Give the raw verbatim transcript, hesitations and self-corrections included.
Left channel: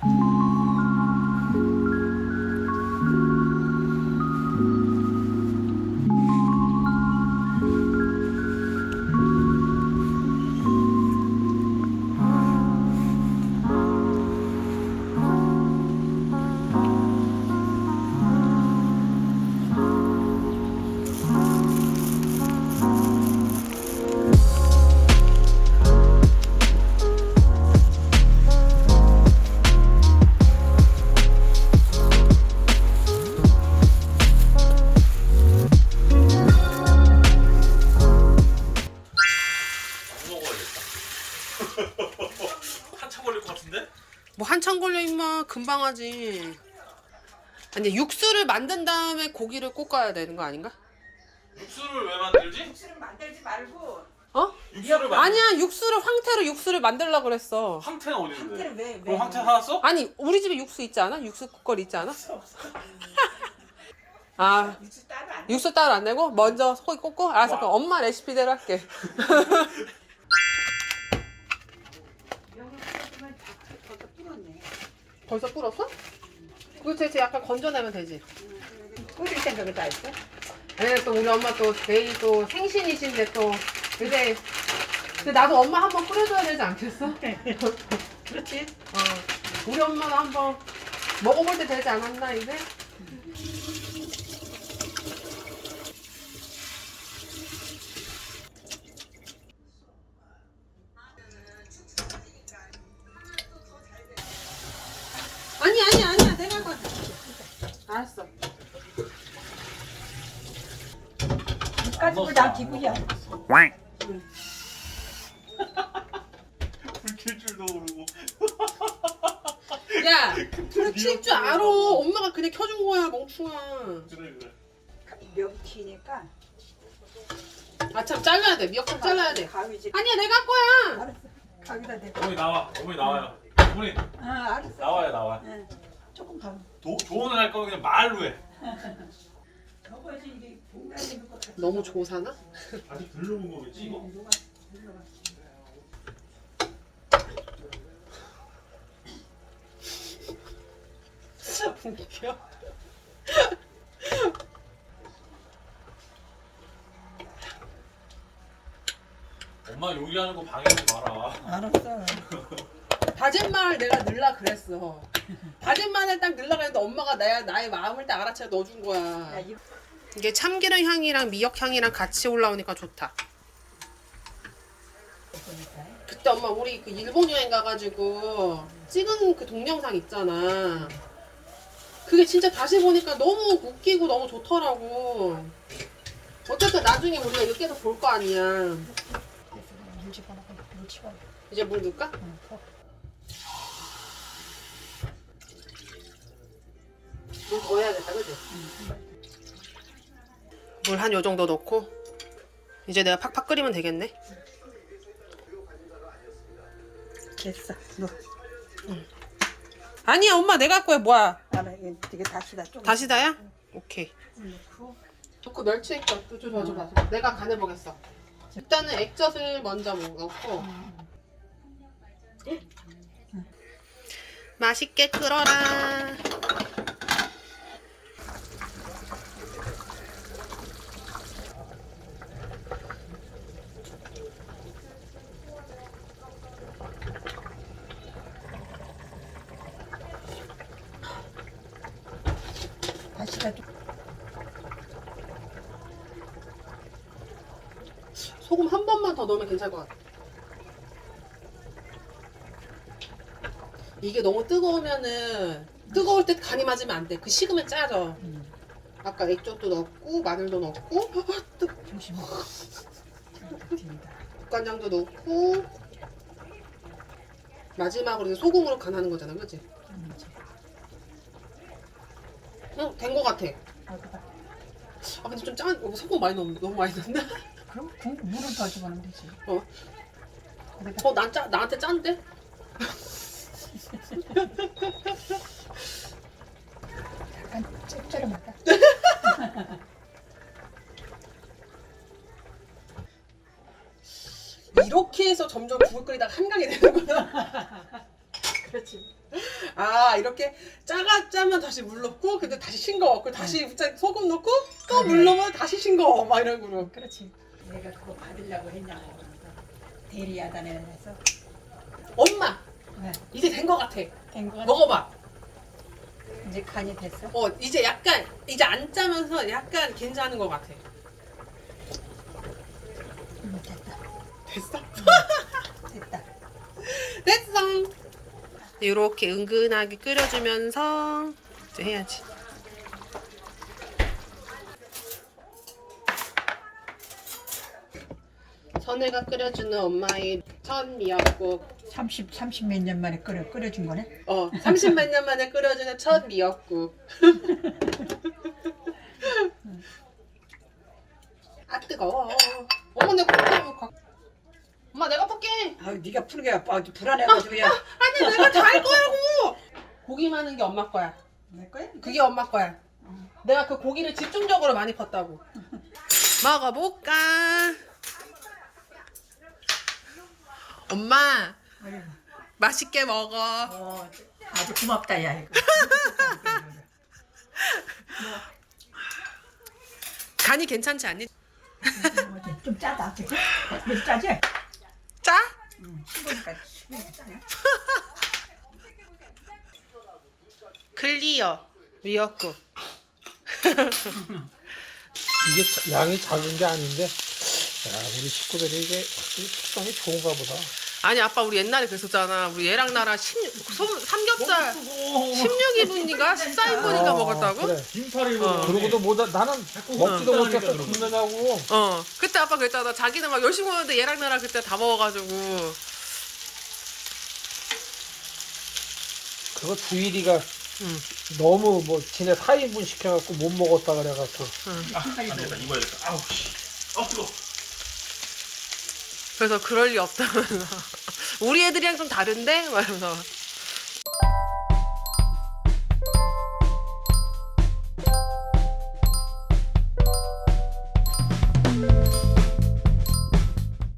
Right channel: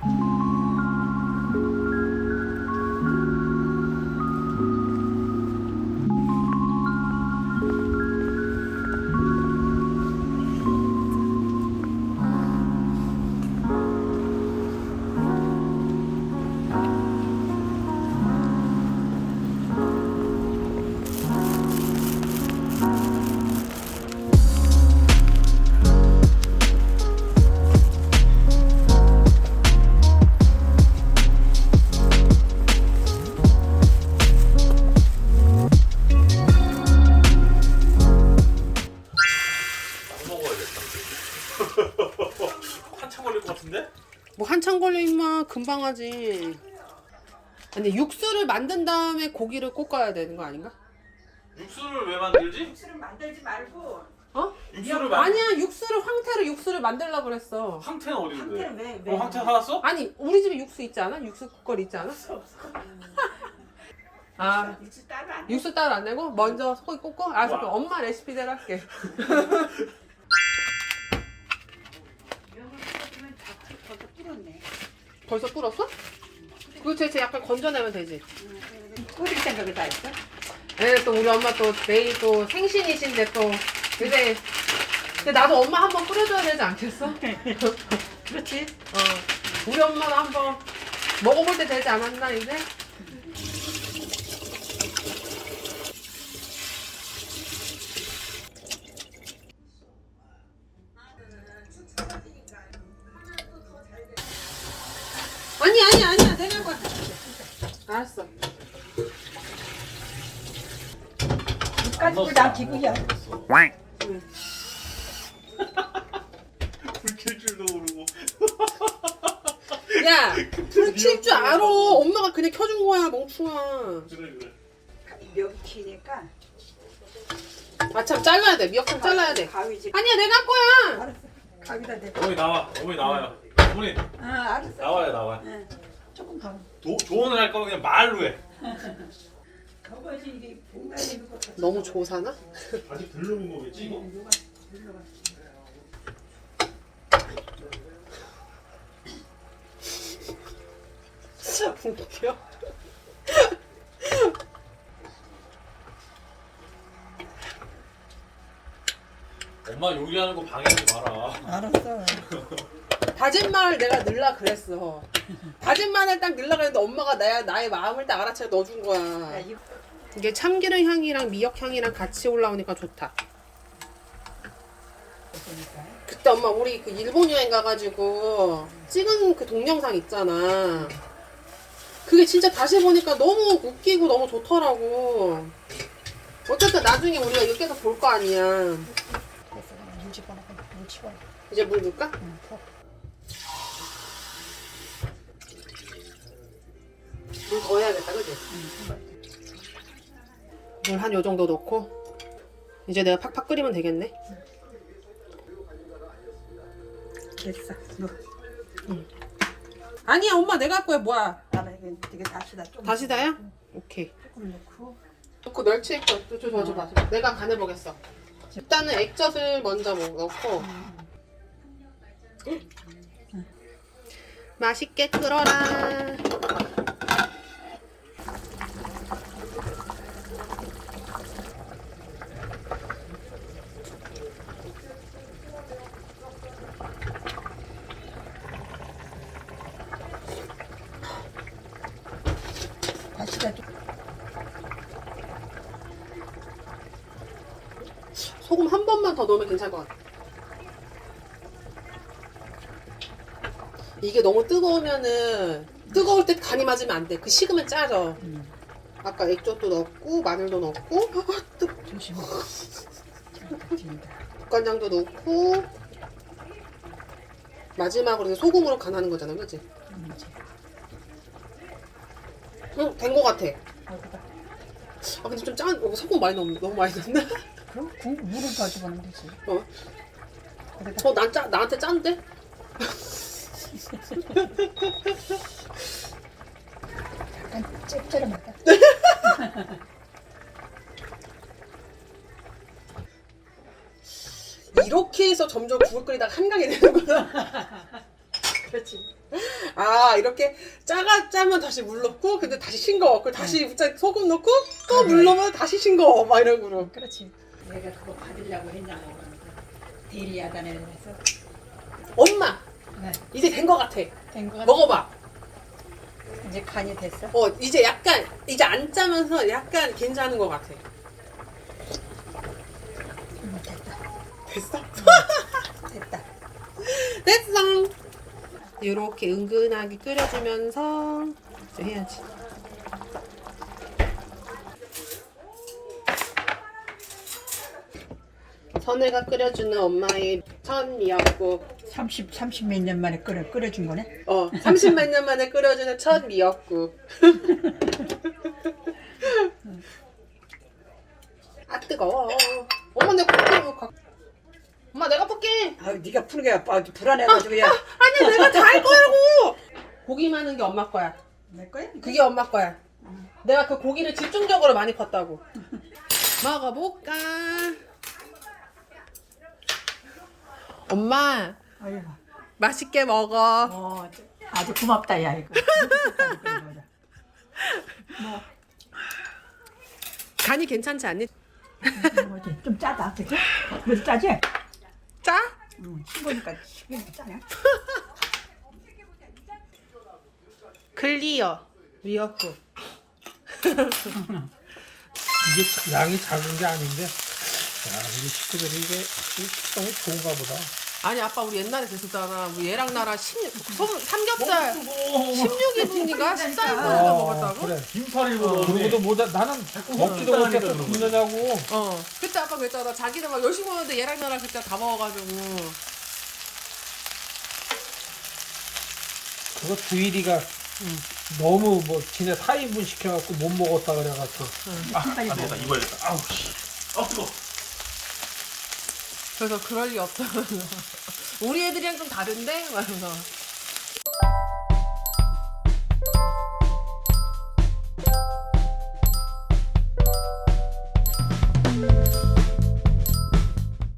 한참 걸릴 것 같은데? 뭐 한참 걸려 임마. 금방 하지. 아니 육수를 만든 다음에 고기를 볶아야 되는 거 아닌가? 육수를 왜 만들지? 육수를 만들지 말고 어? 육수를 만 아니야 육수를 황태로 육수를 만들려고 그랬어. 황태는 어디 있는데? 황태는 왜, 왜 그럼 황태 사놨어? 아니 우리 집에 육수 있지 않아? 육수 국거리 있지 않아? 아 육수 따로 안 육수 따로 안 내고 먼저 소고기 꽂고 알았어. 그럼 엄마 레시피대로 할게. 이러면 벌써 불었네. 벌써 불었어? 그거 대체 약간 건져내면 되지. 끓일 생각을 다 했어? 네, 또 우리 엄마 또 내일 또 생신이신데 또 근데 근데 나도 엄마 한번 끓여줘야 되지 않겠어? 그렇지. 어 우리 엄마도 한번 먹어볼 때 되지 않았나 이제? 아니 아니 아니야 내가 할 거야. 알았어. 가지고 나 기구야. 불킬 줄도 모르고. 야, 불 칠 줄 알아. 엄마가 그냥 켜준 거야, 멍충아. 그래 그래. 명키니까. 아참 잘라야 돼. 미역국 잘라야 돼. 가위지. 아니야, 내가 할 거야. 알았어. 가위다 대. 어머니 나와. 어머니 나와요. 어머니 아 알았어. 나와요 나와. 응. 조금 더. 도, 조언을 할 거면 그냥 말로 해. 더워야지 이게 굉장히 이거 같아. 너무 조사나? 아직 덜 녹은 거겠지 이거? 진짜 웃겨. 엄마 요리하는 거 방해하지 마라. 알았어. 다진 마늘 내가 넣으려 그랬어. 다진 마늘 딱 넣으려 그랬는데 엄마가 내, 나의 마음을 딱 알아채 넣어준 거야. 야, 이거 이게 참기름 향이랑 미역 향이랑 같이 올라오니까 좋다. 그때 엄마 우리 그 일본 여행 가가지고 찍은 그 동영상 있잖아. 그게 진짜 다시 보니까 너무 웃기고 너무 좋더라고. 어쨌든 나중에 우리가 이거 계속 볼 거 아니야. 됐어. 물 집어넣어. 물 집어넣어. 이제 물 넣을까? 응. 더. 물 더 해야겠다, 그지? 물 한 요 정도 넣고 이제 내가 팍팍 끓이면 되겠네. 됐어. 너. 아니야 엄마 내가 할 거야. 뭐야? 알아. 이게, 이게 다시다. 조금. 다시다야? 오케이. 조금 넣고. 넣고 멸치 액젓 줘, 줘, 줘, 줘. 내가 간을 보겠어. 일단은 액젓을 먼저 넣고 맛있게 끓어라. 다시다. 좀. 소금 한 번만 더 넣으면 괜찮을 것 같아. 이게 너무 뜨거우면은 뜨거울 때 간이 맞으면 안 돼. 그 식으면 짜져. 음. 아까 액젓도 넣고 마늘도 넣고 조심해. 국간장도 넣고 마지막으로 이제 소금으로 간하는 거잖아, 그렇지? 음, 이제. 응, 된 거 같아. 여기다. 아 근데 좀 짠, 어, 소금 많이 넣었, 너무 많이 넣었나? 그럼 국 물을 더 집어넣으면 되지. 어, 거기다. 어, 난 짜, 나한테 짠데? 약간 짭짤하다. 이렇게 해서 점점 국을 끓이다가 한강이 되는구나. 그렇지. 아 이렇게 짜가 짜면 다시 물 넣고 근데 다시 싱거워. 그리고 다시 짜- 소금 넣고 또 물 넣으면 다시 싱거워. 막 이런 거로. 그렇지. 내가 그거 받으려고 했냐고. 대리야단에서. 엄마 네. 이제 된 거 같아. 된거 먹어봐. 이제 간이 됐어. 어 이제 약간 이제 안 짜면서 약간 괜찮은 거 같아. 음, 됐다. 됐어? 됐다. 됐어. 이렇게 은근하게 끓여주면서 이제 해야지. 선혜가 끓여주는 엄마의 첫 미역국. 삼십, 삼십 몇 년 만에 끓여, 끓여준 거네. 어, 삼십만 년 만에 끓여주는 첫 미역국. 아 뜨거워. 엄마 내가 볶음 가. 엄마 내가 볶게. 아, 네가 푸는 게 아주 불안해가지고 야. 아니야 내가 다 할 거라고. 고기 많은 게 엄마 거야. 내 거야? 그게 엄마 거야. 내가 그 고기를 집중적으로 많이 컸다고. 먹어볼까? 엄마 아유, 맛있게 먹어. 어, 아주 고맙다 야 이거. 간이 괜찮지 않니? 뭐지? 좀 짜다, 그치? 왜 짜지? 짜? 응. 씹으니까 씹으니까 짜네. 클리어 미역국. 이게 자- 양이 작은 게 아닌데, 야, 우리 식구들이 이게 식성이 좋은가 보다. 아니 아빠 우리 옛날에 그랬었잖아. 우리 얘랑 나랑 십육, 솜- 삼겹살 십육 인분인가 십사 인분인가 어, 먹었다고? 그래. 긴팔 어. 입어. 그러고도 뭐다 나는 먹지도 어. 못해서 굶느냐고. 어 그때 아빠 그랬잖아. 자기는 막 열심히 먹는데 얘랑 나랑 그때 다 먹어가지고. 그거 주일이가 응. 너무 뭐 지네 사 인분 시켜갖고 못 먹었다 그래갖고. 아, 안 되겠다. 입어야겠다. 아우 씨. 아 뜨거. 그래서 그럴 리 없다면서 우리 애들이랑 좀 다른데? 말면서